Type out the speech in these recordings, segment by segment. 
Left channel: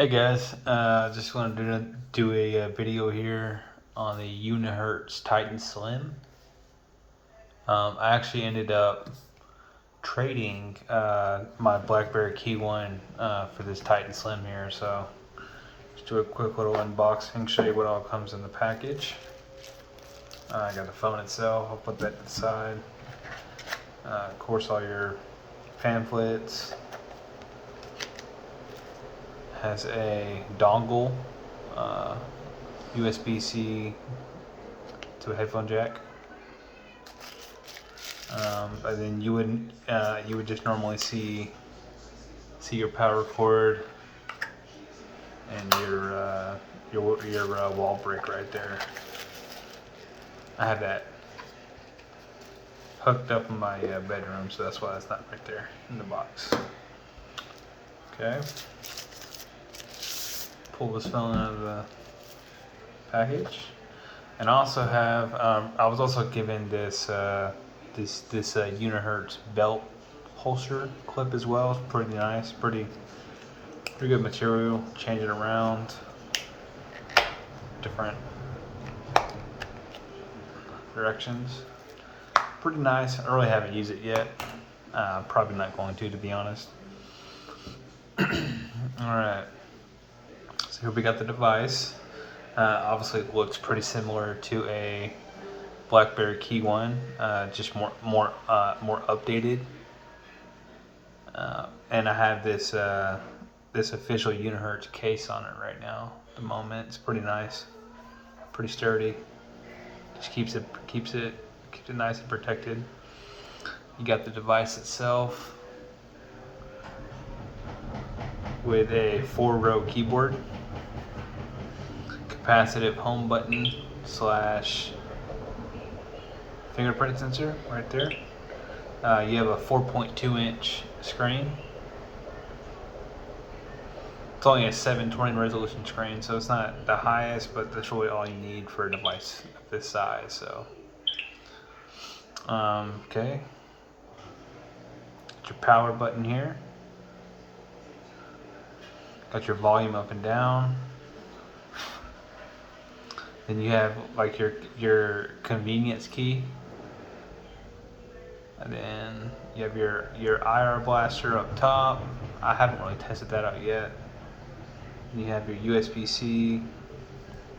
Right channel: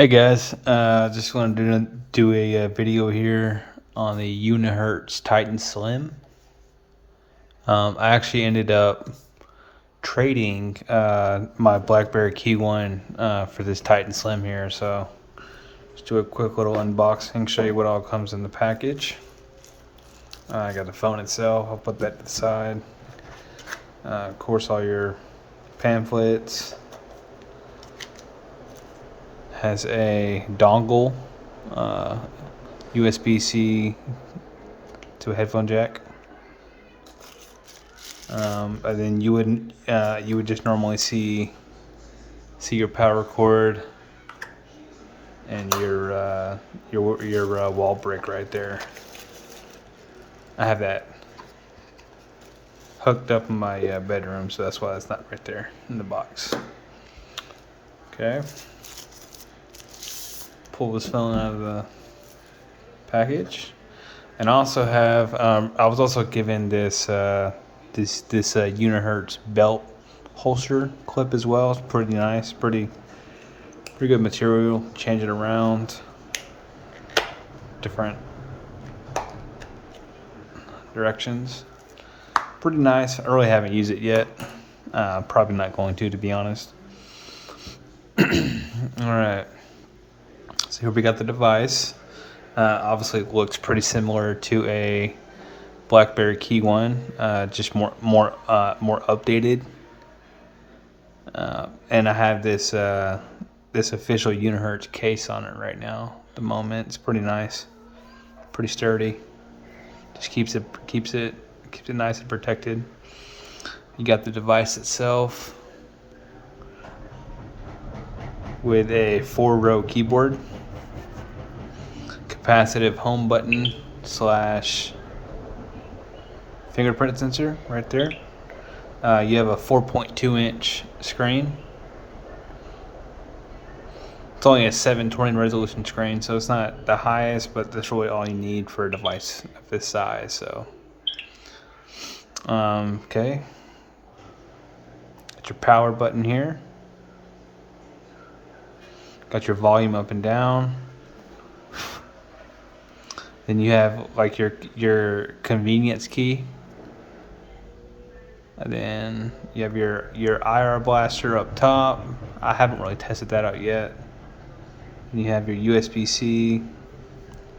Hey guys, just want to do a video here on the Unihertz Titan Slim. I actually ended up trading my BlackBerry Key One for this Titan Slim here, so let's do a quick little unboxing, show you what all comes in the package. I got the phone itself, I'll put that to the side. Of course, all your pamphlets. Has a dongle, USB-C to a headphone jack, and then you would just normally see your power cord and your wall brick right there. I have that hooked up in my bedroom, so that's why it's not right there in the box. Okay. Pull this phone out of the package, and I also have I was also given this Unihertz belt holster clip as well. It's pretty nice, pretty good material. Change it around, different directions. Pretty nice. I really haven't used it yet. Probably not going to be honest. All right. So here we got the device. Obviously, it looks pretty similar to a BlackBerry Key One, just more updated. And I have this official Unihertz case on it right now. At the moment, it's pretty nice, pretty sturdy. Just keeps it nice and protected. You got the device itself with a 4-row keyboard, capacitive home button / fingerprint sensor right there. You have a 4.2-inch screen. It's only a 720 resolution screen, so it's not the highest, but that's really all you need for a device of this size. So, okay. Got your power button here. Got your volume up and down. Then you have like your convenience key. And then you have your IR blaster up top. I haven't really tested that out yet. And you have your USB-C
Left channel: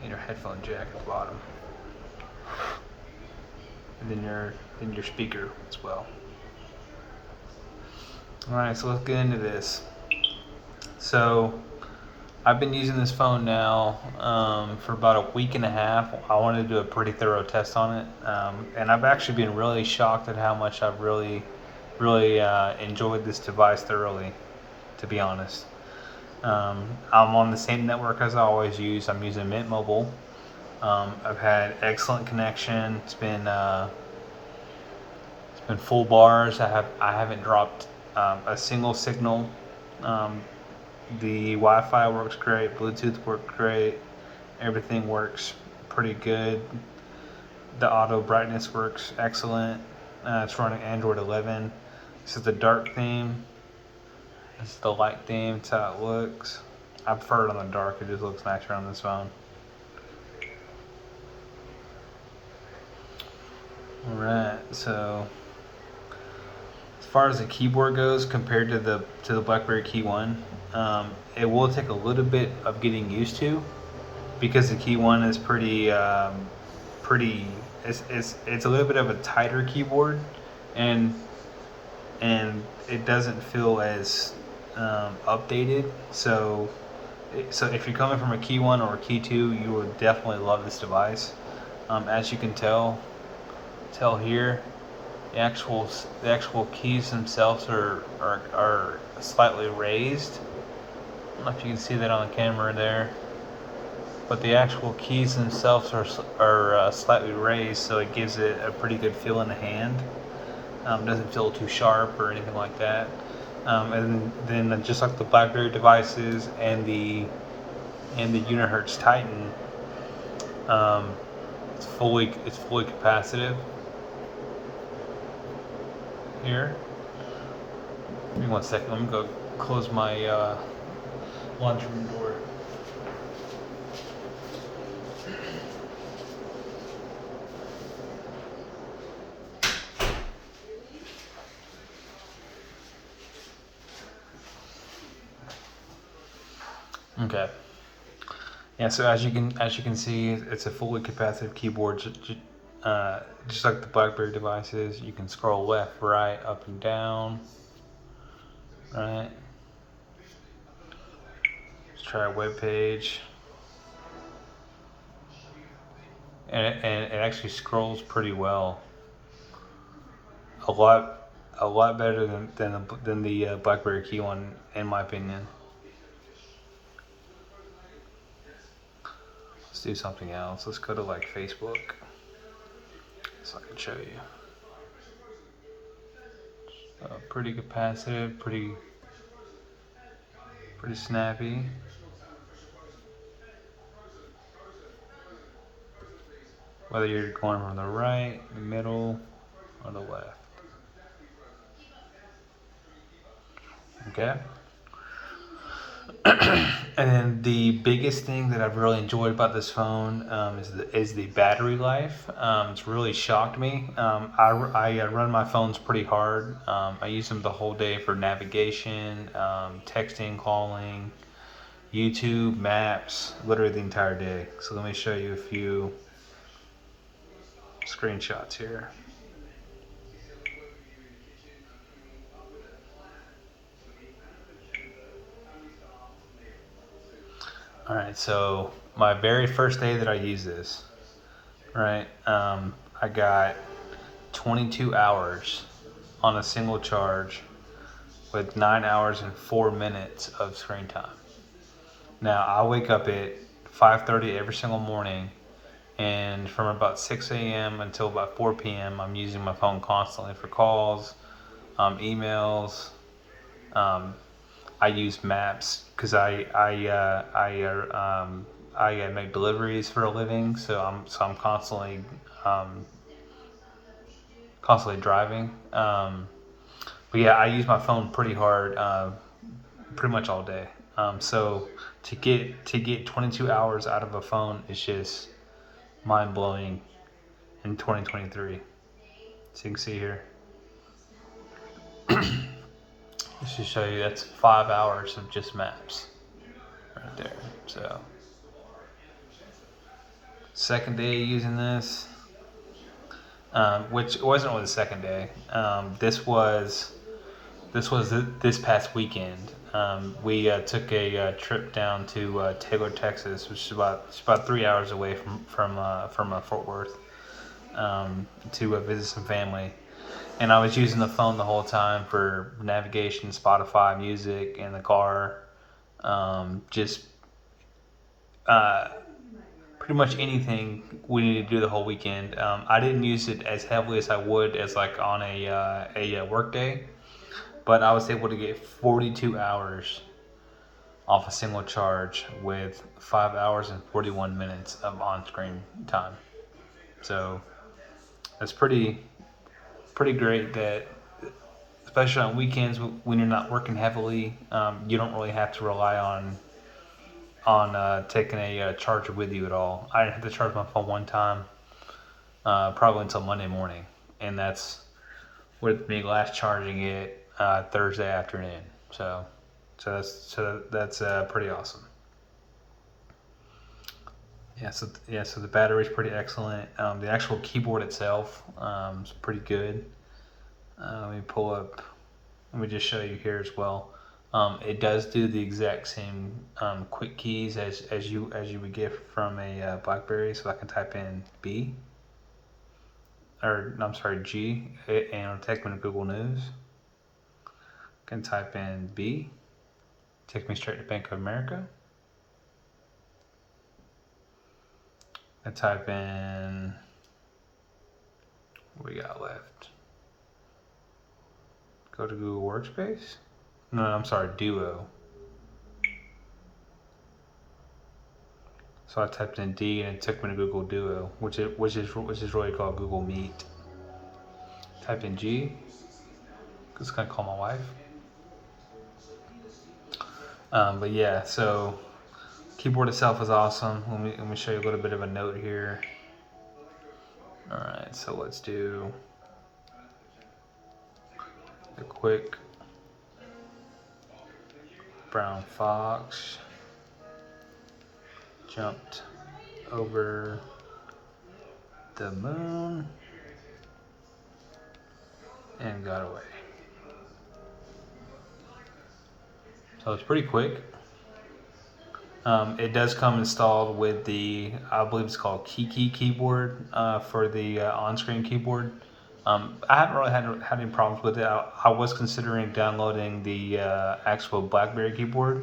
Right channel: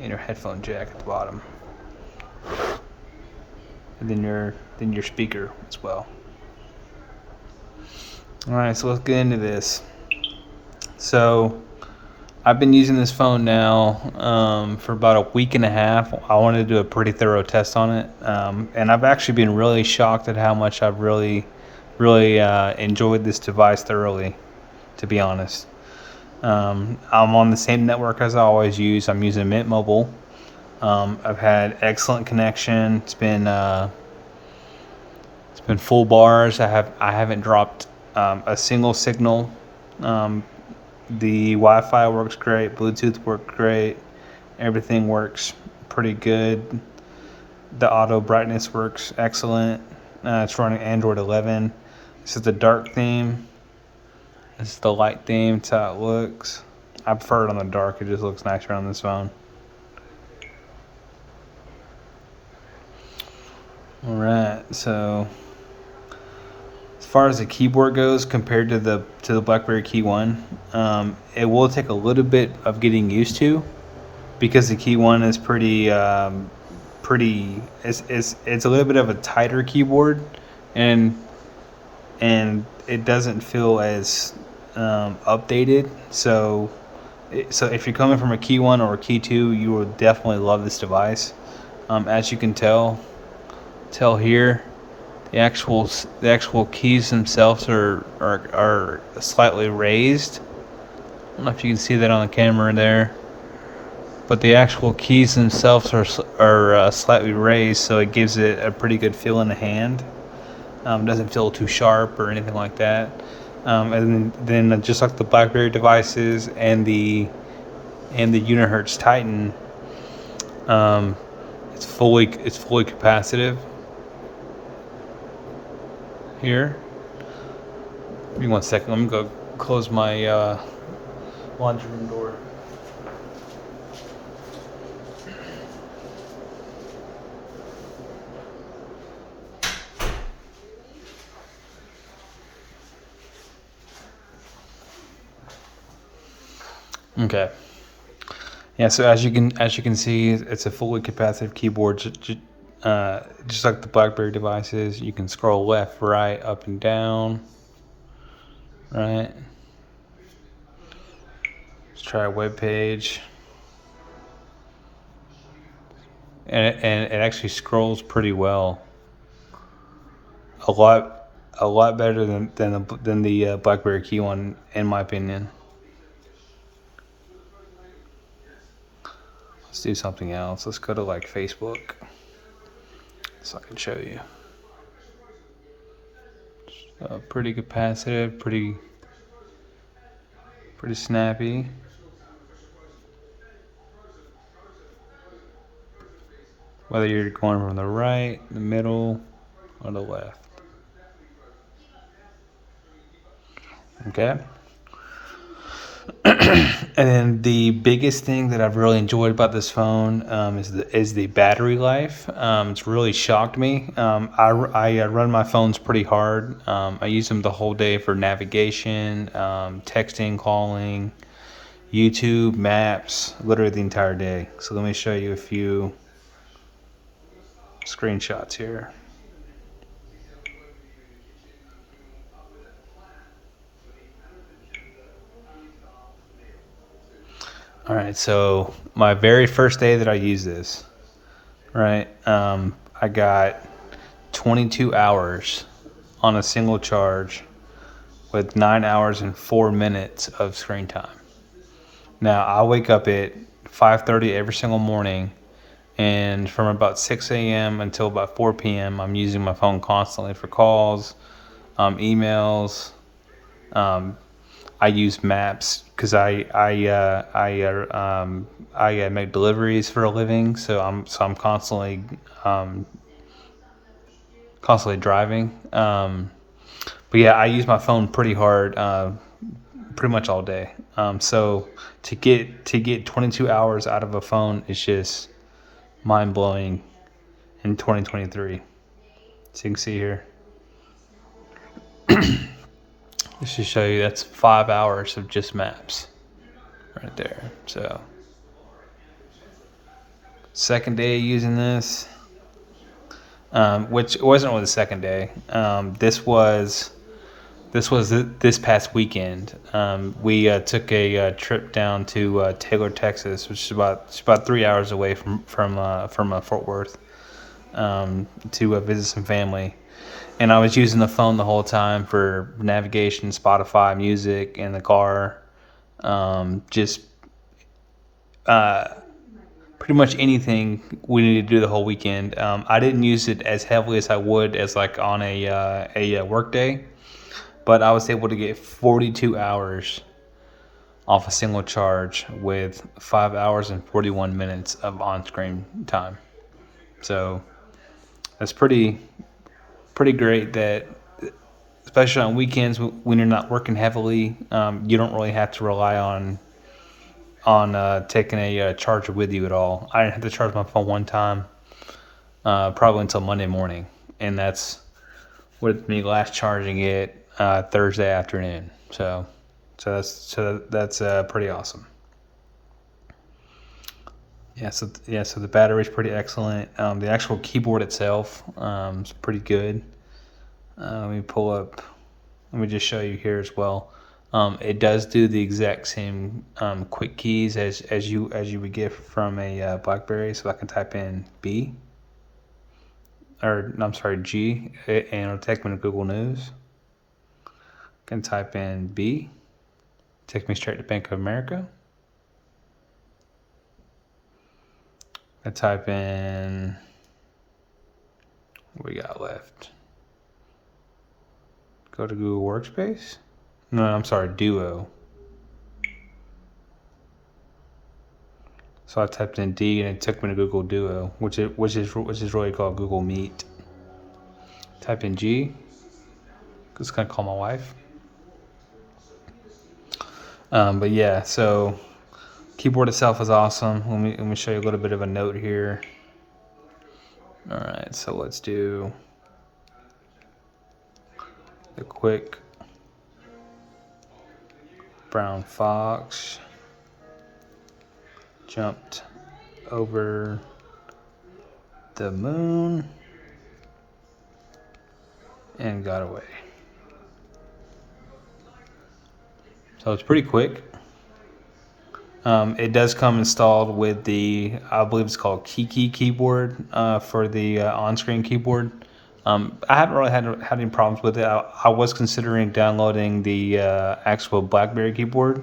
and your headphone jack at the bottom. And then your speaker as well. Alright, so let's get into this. So I've been using this phone now for about a week and a half. I wanted to do a pretty thorough test on it, and I've actually been really shocked at how much I've really enjoyed this device thoroughly, to be honest. I'm on the same network as I always use. I'm using Mint Mobile. I've had excellent connection. It's been full bars. I haven't dropped a single signal. The Wi-Fi works great, Bluetooth works great, everything works pretty good. The auto brightness works excellent. It's running Android 11. This is the dark theme. This is the light theme. It's how it looks. I prefer it on the dark. It just looks nicer on this phone. Alright, so as far as the keyboard goes, compared to the BlackBerry Key One, it will take a little bit of getting used to, because the Key One is pretty it's a little bit of a tighter keyboard, and it doesn't feel as updated. So if you're coming from a Key One or a Key Two, you will definitely love this device. As you can tell here, the actual keys themselves are slightly raised. I don't know if you can see that on the camera there, but the actual keys themselves are slightly raised, so it gives it a pretty good feel in the hand. It doesn't feel too sharp or anything like that. And then just like the BlackBerry devices and the Unihertz Titan, it's fully capacitive. Here, give me 1 second. Let me go close my laundry room door. Okay. Yeah, so as you can see, it's a fully capacitive keyboard, just like the BlackBerry devices. You can scroll left, right, up and down. Right. Let's try a web page, and it actually scrolls pretty well. A lot better than the BlackBerry Key one, in my opinion. Let's do something else. Let's go to like Facebook, so I can show you. Pretty capacitive, pretty snappy. Whether you're going from the right, the middle, or the left. Okay. And then the biggest thing that I've really enjoyed about this phone is the battery life. It's really shocked me. I run my phones pretty hard. I use them the whole day for navigation, texting, calling, YouTube, maps, literally the entire day. So let me show you a few screenshots here. All right, so my very first day that I used this, right, I got 22 hours on a single charge with 9 hours and 4 minutes of screen time. Now, I wake up at 5:30 every single morning, and from about 6 a.m. until about 4 p.m., I'm using my phone constantly for calls, emails. I use maps because I make deliveries for a living, so I'm constantly driving. But yeah, I use my phone pretty hard, pretty much all day. So to get 22 hours out of a phone is just mind blowing in 2023. So you can see here. Just to show you, that's 5 hours of just maps right there. So second day using this, which wasn't really the second day. This was this past weekend. We took a trip down to Taylor, Texas, which is about 3 hours away from Fort Worth, to visit some family. And I was using the phone the whole time for navigation, Spotify, music, in the car. Just pretty much anything we needed to do the whole weekend. I didn't use it as heavily as I would as like on a work day, but I was able to get 42 hours off a single charge with 5 hours and 41 minutes of on-screen time. So that's pretty great, that especially on weekends when you're not working heavily, you don't really have to rely on taking a charger with you at all. I didn't have to charge my phone one time, probably until Monday morning, and that's with me last charging it Thursday afternoon. So that's pretty awesome. So the battery's pretty excellent. The actual keyboard itself is pretty good. Let me pull up. Let me just show you here as well. It does do the exact same quick keys as you would get from a BlackBerry. So I can type in B, or I'm sorry, G, and it'll take me to Google News. I can type in B, take me straight to Bank of America. I type in, what we got left? Go to Google Workspace. No, I'm sorry, Duo. So I typed in D and it took me to Google Duo, which is really called Google Meet. Type in G. Just gonna call my wife. But yeah, so keyboard itself is awesome. Let me show you a little bit of a note here. All right, so let's do a quick brown fox jumped over the moon and got away. So it's pretty quick. It does come installed with the, I believe it's called Kiki keyboard for the on-screen keyboard. I haven't really had any problems with it. I was considering downloading the actual BlackBerry keyboard.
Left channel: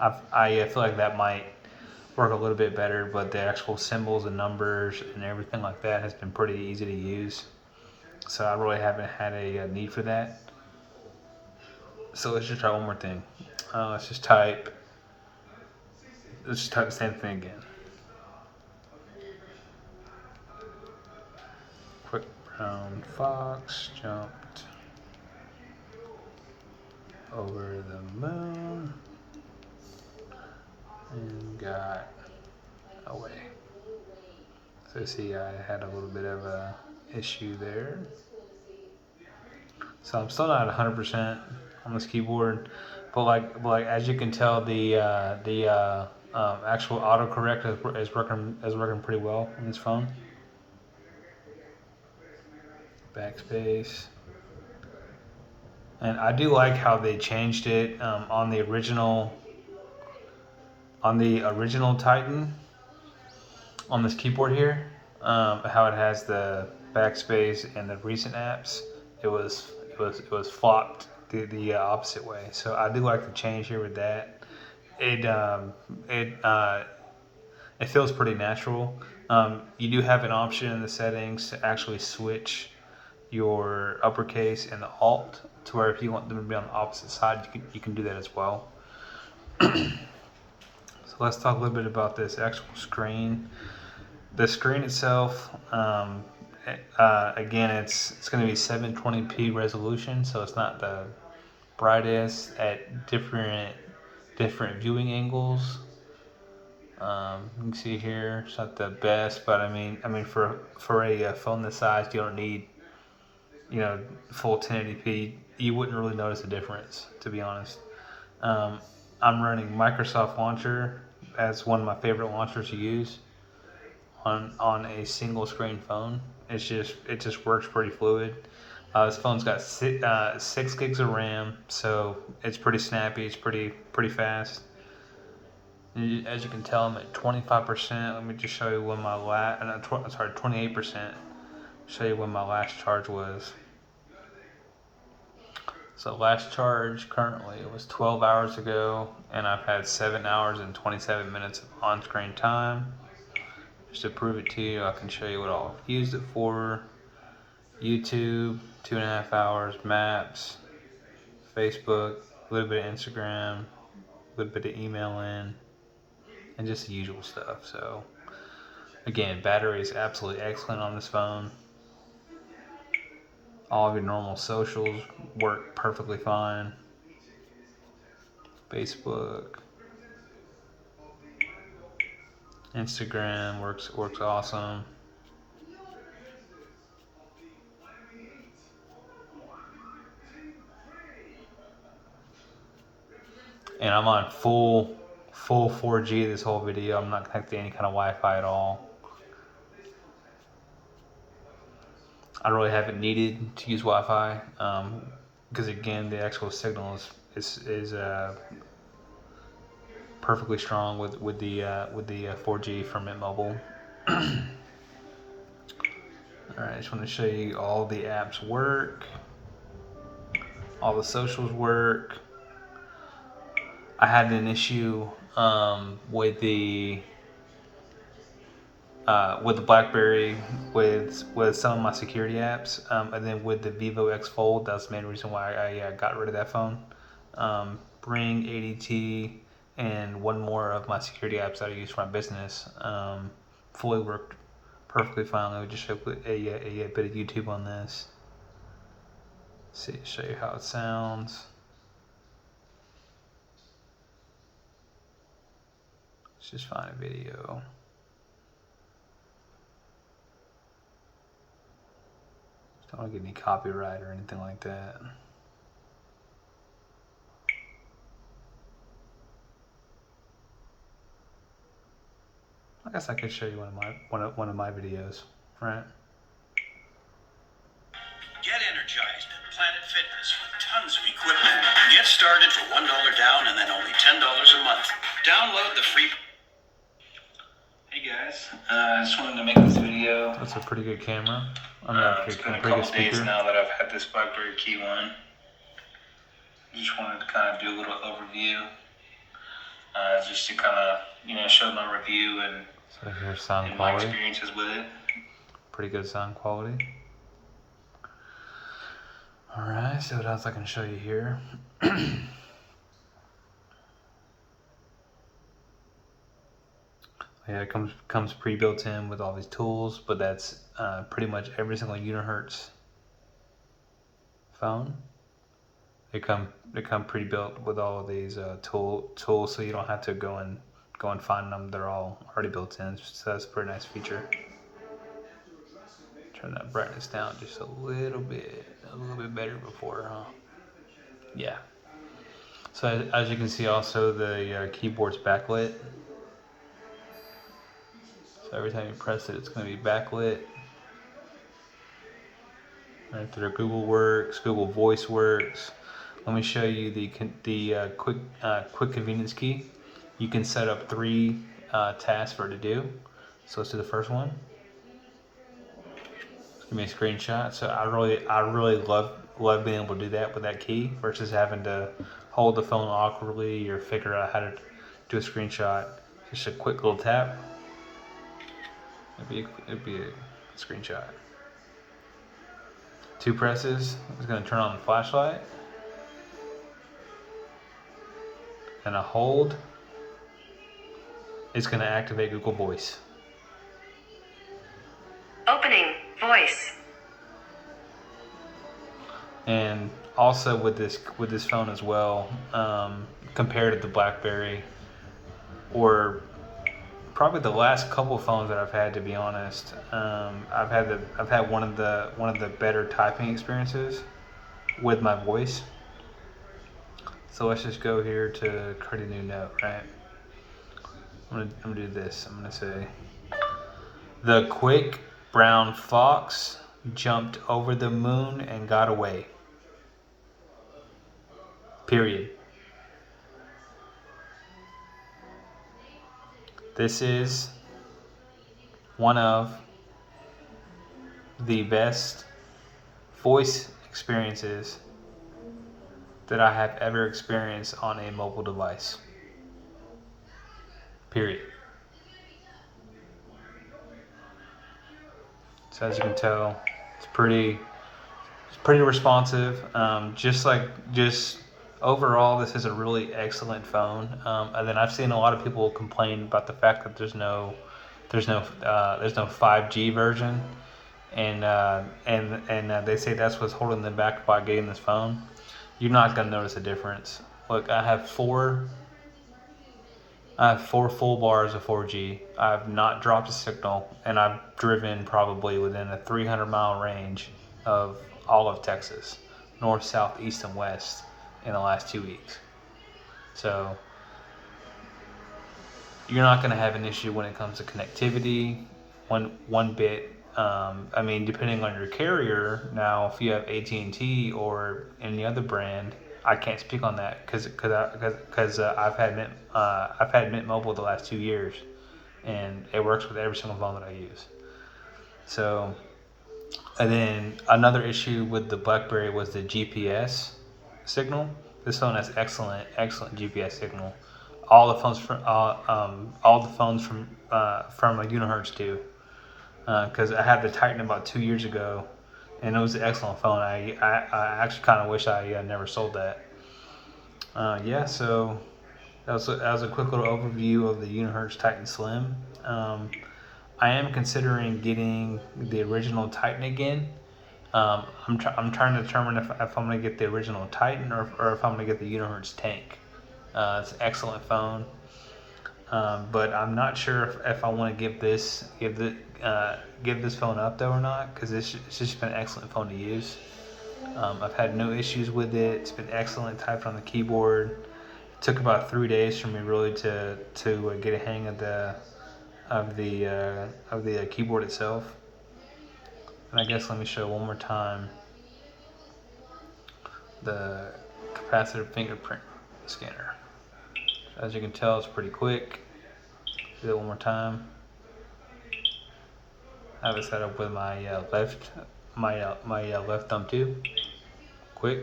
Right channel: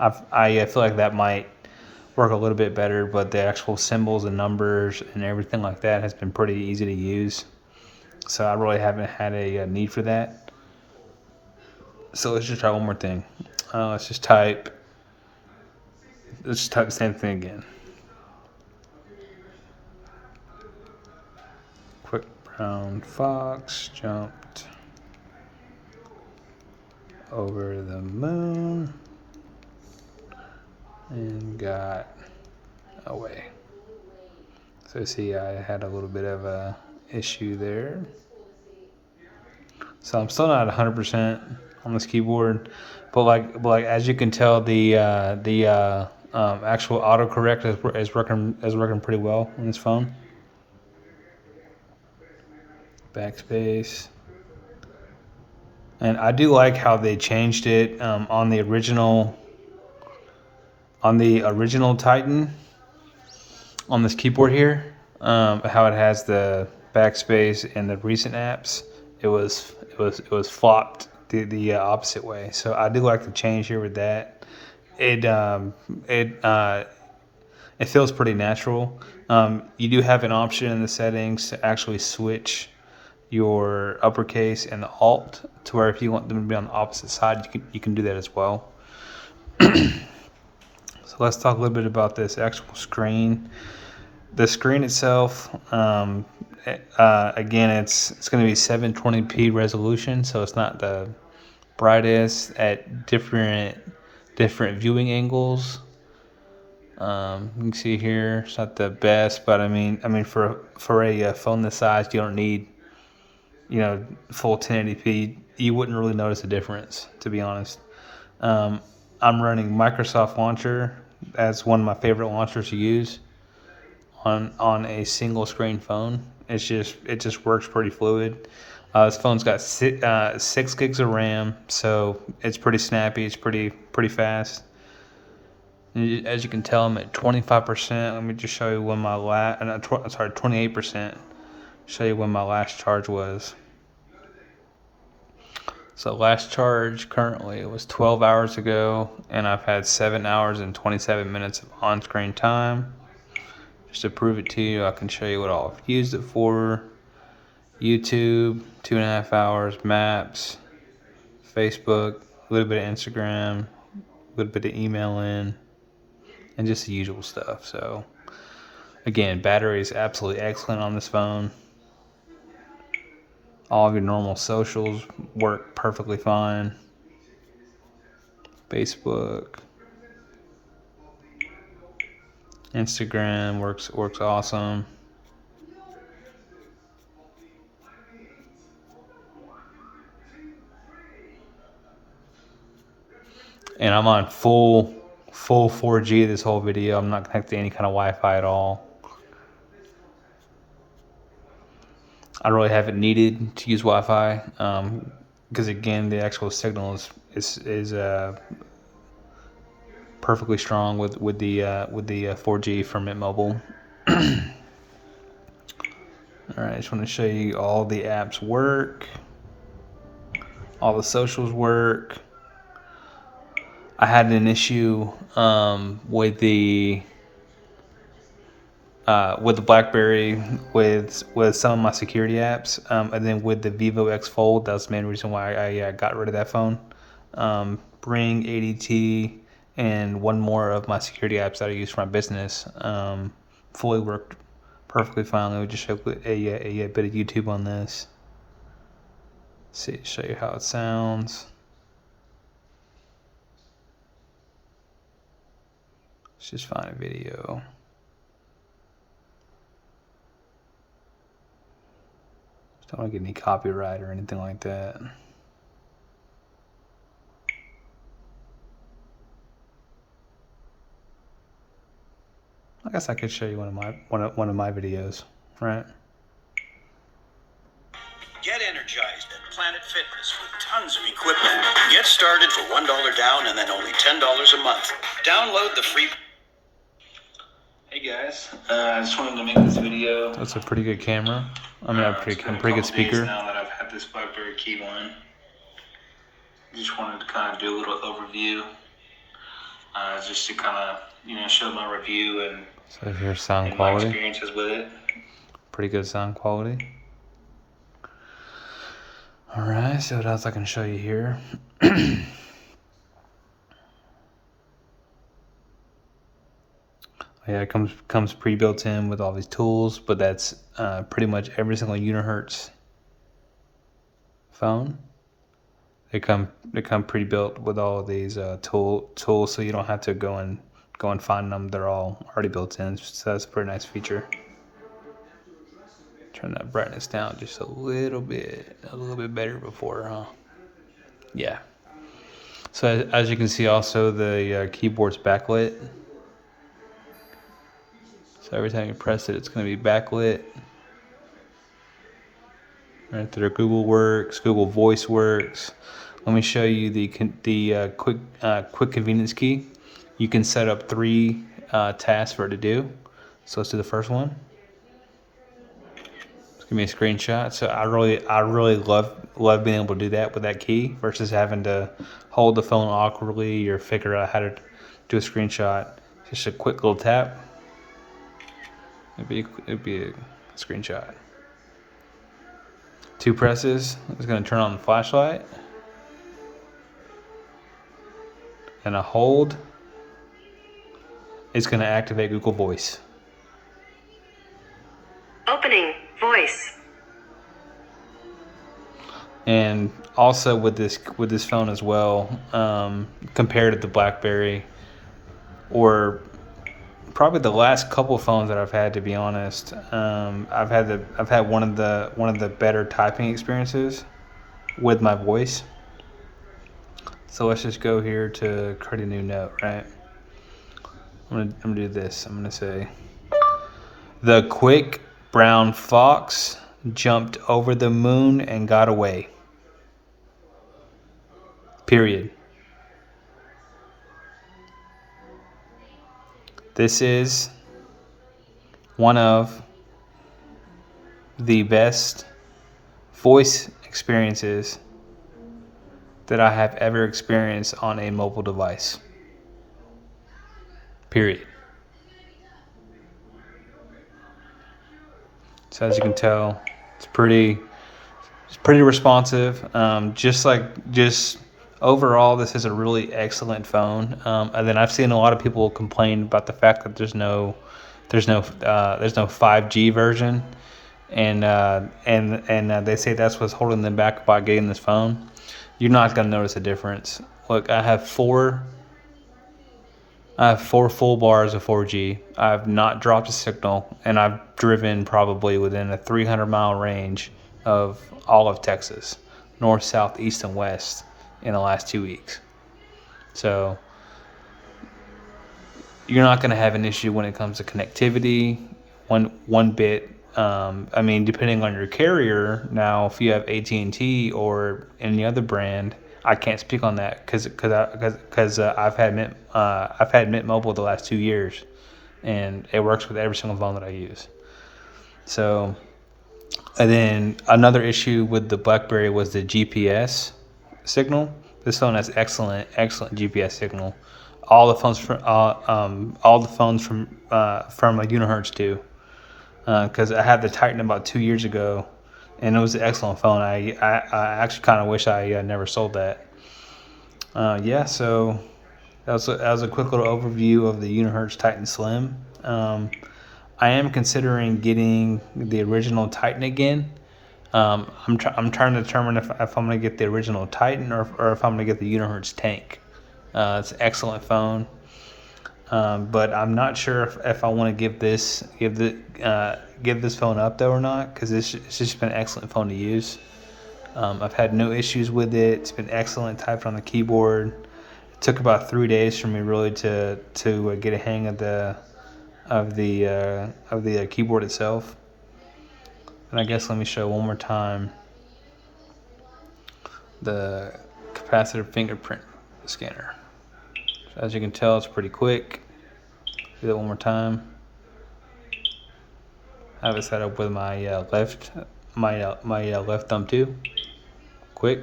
I feel like that might work a little bit better, but the actual symbols and numbers and everything like that has been pretty easy to use. So I really haven't had a need for that. So let's just try one more thing. Let's just type the same thing again. Quick brown fox jumped over the moon and got away. So see, I had a little bit of a issue there. So I'm still not 100% on this keyboard, but like as you can tell, the actual autocorrect is working pretty well on this phone. Backspace, and I do like how they changed it on the original Titan on this keyboard here. How it has the backspace and the recent apps. It was flopped the opposite way. So I do like the change here with that. It it feels pretty natural. You do have an option in the settings to actually switch your uppercase and the alt to where if you want them to be on the opposite side, you can do that as well. So let's talk a little bit about this actual screen. The screen itself, again, it's going to be 720p resolution, so it's not the brightest at different viewing angles. You can see here it's not the best, but I mean for a phone this size, you don't need full 1080p. You wouldn't really notice a difference, to be honest. I'm running Microsoft Launcher as one of my favorite launchers to use on a single screen phone. It just works pretty fluid. This phone's got 6 gigs of RAM, so it's pretty snappy. It's pretty fast. As you can tell, I'm at 25%. Let me just show you when my 28%. Show you when my last charge was. So last charge currently was 12 hours ago, and I've had 7 hours and 27 minutes of on-screen time. Just to prove it to you, I can show you what I've used it for. YouTube, 2.5 hours, Maps, Facebook, a little bit of Instagram, a little bit of emailing, and just the usual stuff. So again, battery is absolutely excellent on this phone. All of your normal socials work perfectly fine. Facebook, Instagram works awesome. And I'm on full 4G this whole video. I'm not connected to any kind of Wi-Fi at all. I really haven't needed to use Wi-Fi because again, the actual signal is perfectly strong with the 4G from Mint Mobile. All right, I just want to show you all the apps work, all the socials work. I had an issue with the BlackBerry with some of my security apps, and then with the Vivo X Fold. That's the main reason why I got rid of that phone. Bring, ADT, and one more of my security apps that I use for my business fully worked perfectly fine. Let me just show a bit of YouTube on this. See, show you how it sounds. Let's just find a video. Don't want to get any copyright or anything like that. I guess I could show you one of my videos, right? Get energized at Planet Fitness with tons of equipment. Get started for $1 down and then only $10 a month. Download the free. Hey guys, I just wanted to make this video. That's a pretty good camera. I mean, It's been a pretty couple good speaker. days now that I've had this BlackBerry Key One. Just wanted to kind of do a little overview, just to kind of show my review and So here's sound my quality. experiences with it. Pretty good sound quality. All right, so what else I can show you here? Yeah, it comes pre-built in with all these tools, but that's pretty much every single Unihertz phone. They come pre-built with all of these tools, so you don't have to go and find them. They're all already built in, so that's a pretty nice feature. Turn that brightness down just a little bit better before, huh? Yeah. So as you can see, also the keyboard's backlit. So every time you press it, it's going to be backlit. Right there, Google works, Google Voice works. Let me show you the quick convenience key. You can set up 3 tasks for it to do. So let's do the first one. Give me a screenshot. So I really love being able to do that with that key versus having to hold the phone awkwardly or figure out how to do a screenshot. Just a quick little tap. It'd be a screenshot. 2 presses. It's going to turn on the flashlight. And a hold. It's going to activate Google Voice. Opening voice. And also with this phone as well, compared to the BlackBerry, or probably the last couple phones that I've had, to be honest, I've had one of the better typing experiences with my voice. So let's just go here to create a new note, right? I'm gonna do this. I'm gonna say, the quick brown fox jumped over the moon and got away. Period. This is one of the best voice experiences that I have ever experienced on a mobile device. Period. So as you can tell, it's pretty responsive. Just overall, this is a really excellent phone. And then I've seen a lot of people complain about the fact that there's no 5G version, and they say that's what's holding them back by getting this phone. You're not gonna notice a difference. Look, I have four full bars of 4G. I've not dropped a signal, and I've driven probably within a 300-mile range of all of Texas, north, south, east, and west, in the last 2 weeks. So you're not going to have an issue when it comes to connectivity, one bit. I mean, depending on your carrier. Now, if you have AT&T or any other brand, I can't speak on that because I've had Mint Mobile the last 2 years, and it works with every single phone that I use. So, and then another issue with the BlackBerry was the GPS signal. This phone has excellent GPS signal. All the phones from Unihertz do. Because I had the Titan about 2 years ago, and it was an excellent phone. I actually kind of wish I never sold that. Yeah, so that was a quick little overview of the Unihertz Titan Slim. I am considering getting the original Titan again. I'm trying to determine if I'm going to get the original Titan or if I'm going to get the Unihertz Tank. It's an excellent phone. But I'm not sure if I want to give this phone up though or not, because it's just been an excellent phone to use. I've had no issues with it. It's been excellent typed on the keyboard. It took about 3 days for me really to get a hang of the keyboard itself. And I guess let me show one more time the capacitive fingerprint scanner. As you can tell, it's pretty quick. Do that one more time. I have it set up with my left thumb too. Quick,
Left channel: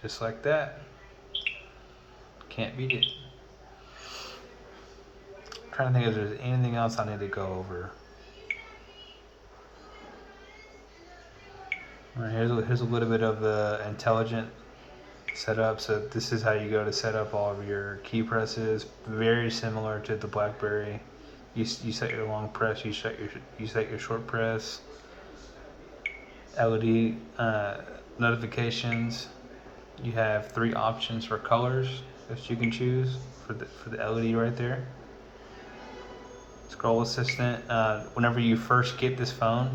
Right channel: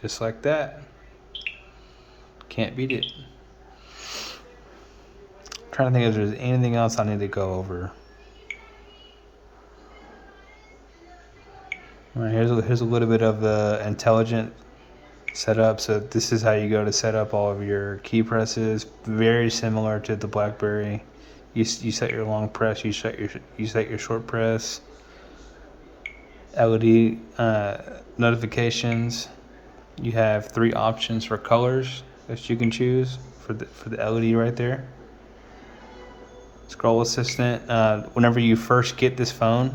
just like that. Can't beat it. I'm trying to think if there's anything else I need to go over. All right, here's a little bit of the intelligent setup. So this is how you go to set up all of your key presses. Very similar to the BlackBerry. You set your long press. You set your short press. LED notifications. You have 3 options for colors that you can choose for the LED right there. Scroll assistant. Whenever you first get this phone,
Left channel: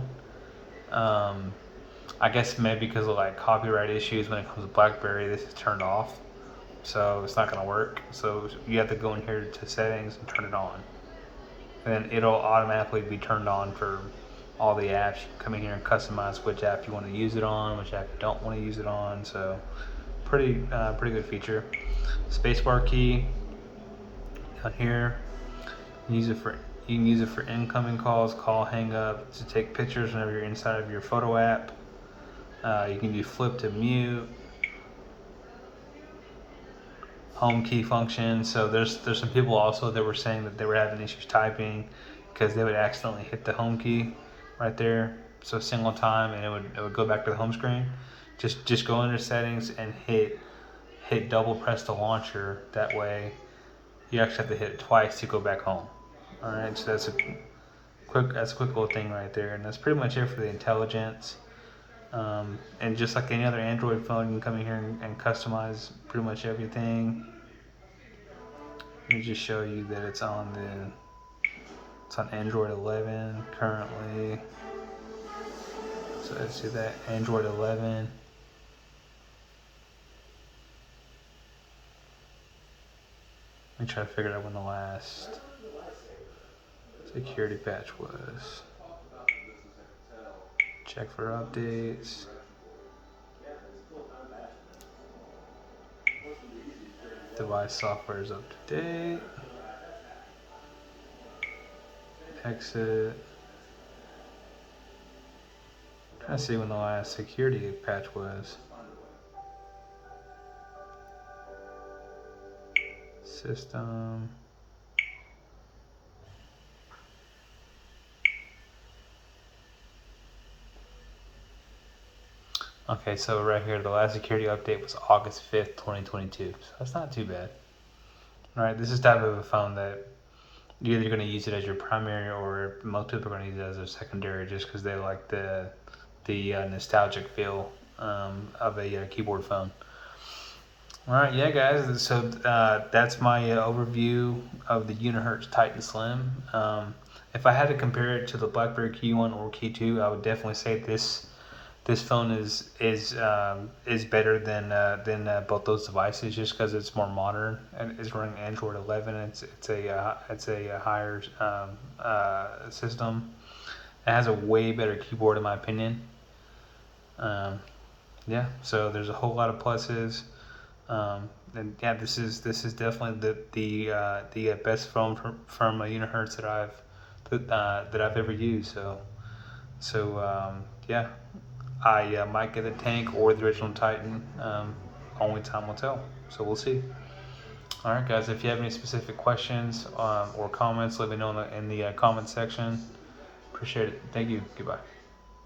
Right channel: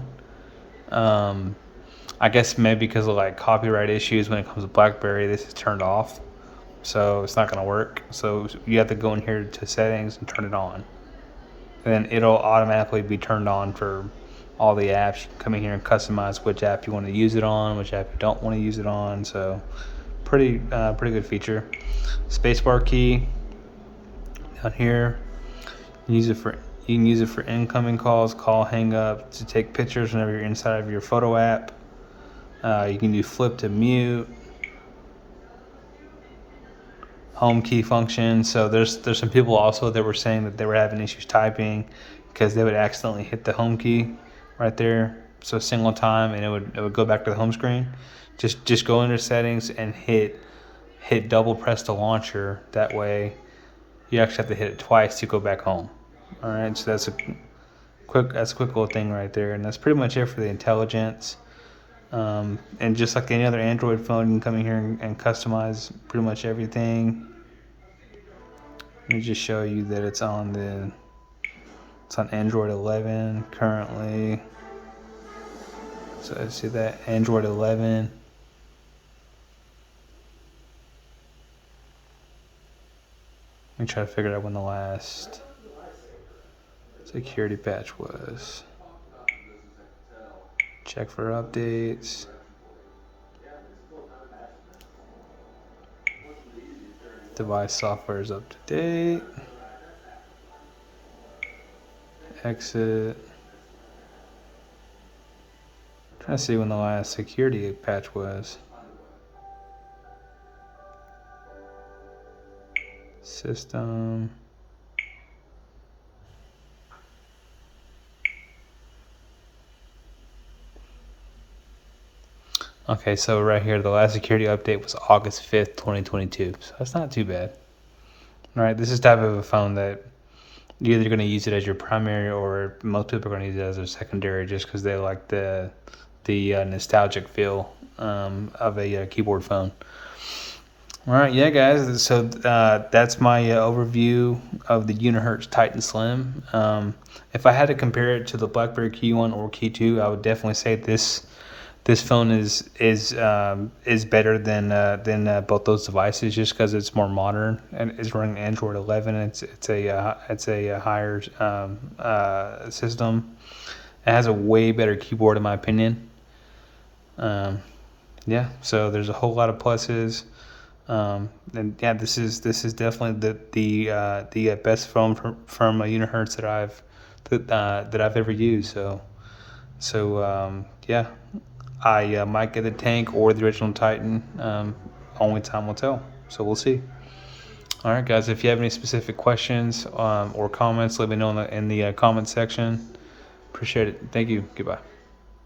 I guess maybe because of like copyright issues when it comes to BlackBerry, this is turned off, so it's not going to work. So you have to go in here to settings and turn it on, and then it'll automatically be turned on for all the apps. You can come in here and customize which app you want to use it on, which app you don't want to use it on. So pretty good feature. Spacebar key down here. You can use it for incoming calls, call, hang up, to take pictures whenever you're inside of your photo app. You can do flip to mute, home key function. So there's some people also that were saying that they were having issues typing because they would accidentally hit the home key right there. So a single time and it would go back to the home screen. Just go into settings and hit double press the launcher. That way you actually have to hit it twice to go back home. All right, so that's a quick little thing right there, and that's pretty much it for the intelligence. And just like any other Android phone, you can come in here and customize pretty much everything. Let me just show you that it's on Android 11 currently. So I see that Android 11. Let me try to figure out when the last security patch was. Check for updates. Device software is up to date. Exit. Trying to see when the last security patch was. System. Okay, so right here, the last security update was August 5th, 2022. So that's not too bad. All right, this is type of a phone that you're either going to use it as your primary, or most people are going to use it as their secondary, just because they like the nostalgic feel of a keyboard phone. All right, yeah, guys. So that's my overview of the Unihertz Titan Slim. If I had to compare it to the BlackBerry Key 1 or Key 2, I would definitely say this phone is better than both those devices, just because it's more modern and it's running Android 11. It's a higher system. It has a way better keyboard in my opinion. Yeah, so there's a whole lot of pluses. And yeah, this is definitely the best phone from Unihertz that I've ever used. So yeah. I might get the Tank or the original Titan. Only time will tell. So we'll see. All right, guys. If you have any specific questions or comments, let me know in the comment section. Appreciate it. Thank you. Goodbye.